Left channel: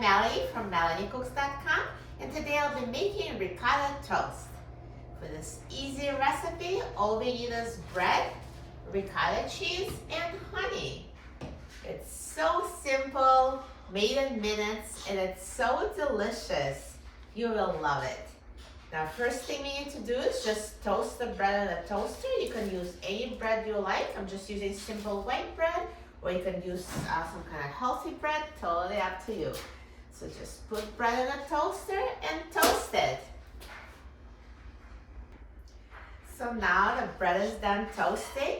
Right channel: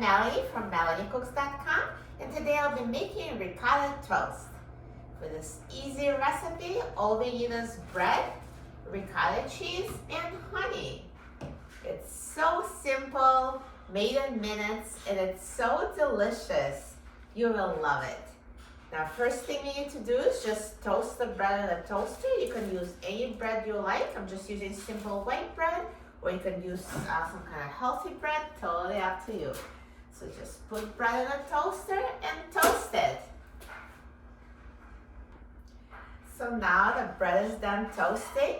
Melanie from melaniecooks.com, and today I'll be making ricotta toast. For this easy recipe, all we need is bread, ricotta cheese, and honey. It's so simple, made in minutes, and it's so delicious. You will love it. Now, first thing we need to do is just toast the bread in a toaster. You can use any bread you like. I'm just using simple white bread, or you can use some kind of healthy bread, totally up to you. So just put bread in a toaster and toast it. So now the bread is done toasting.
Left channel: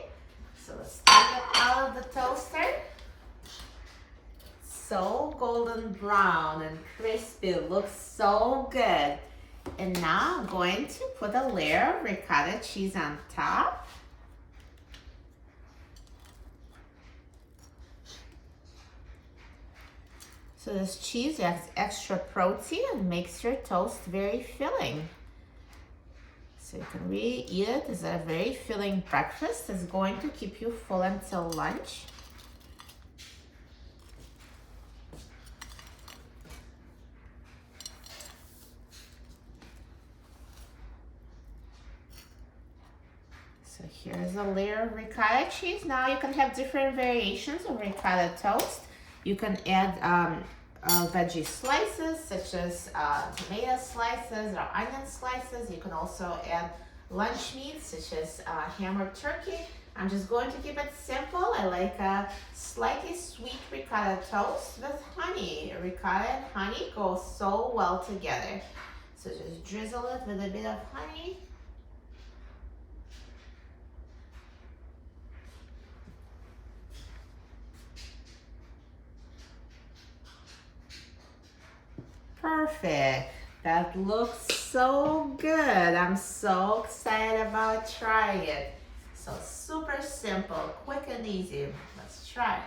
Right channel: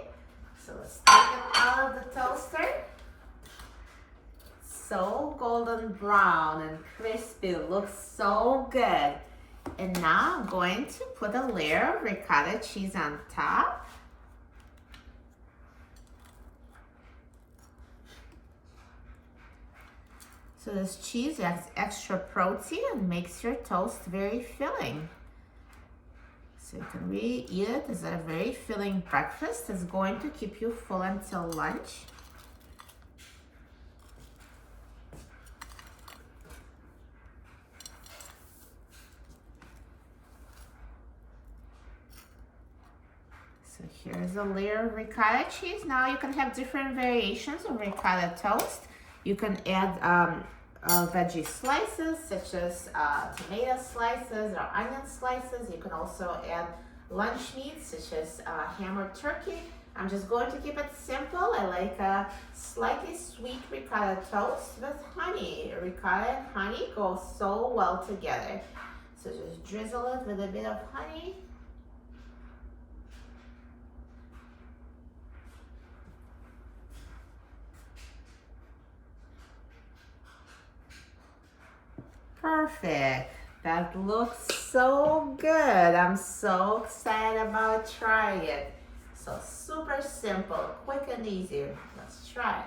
So let's take it out of the toaster. So golden brown and crispy, looks so good. And now I'm going to put a layer of ricotta cheese on top. So this cheese has extra protein and makes your toast very filling. So you can really eat it as a very filling breakfast. It's going to keep you full until lunch. So here's a layer of ricotta cheese. Now you can have different variations of ricotta toast. You can add veggie slices such as tomato slices or onion slices. You can also add lunch meat such as ham or turkey. I'm just going to keep it simple. I like a slightly sweet ricotta toast with honey. Ricotta and honey go so well together. So just drizzle it with a bit of honey. Perfect. That looks so good. I'm so excited about trying it. So super simple, quick and easy. Let's try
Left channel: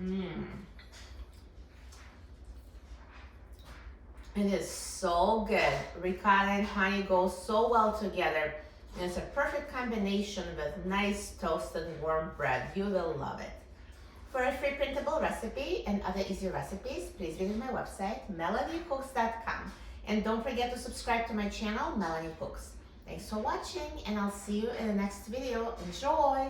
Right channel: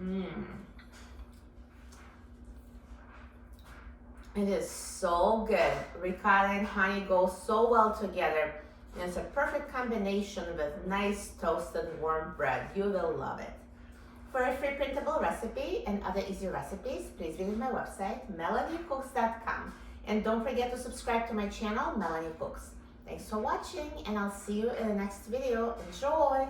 it. It is so good. Ricotta and honey go so well together. And it's a perfect combination with nice toasted warm bread. You will love it. For a free printable recipe and other easy recipes, please visit my website, melaniecooks.com. And don't forget to subscribe to my channel, Melanie Cooks. Thanks for watching, and I'll see you in the next video. Enjoy!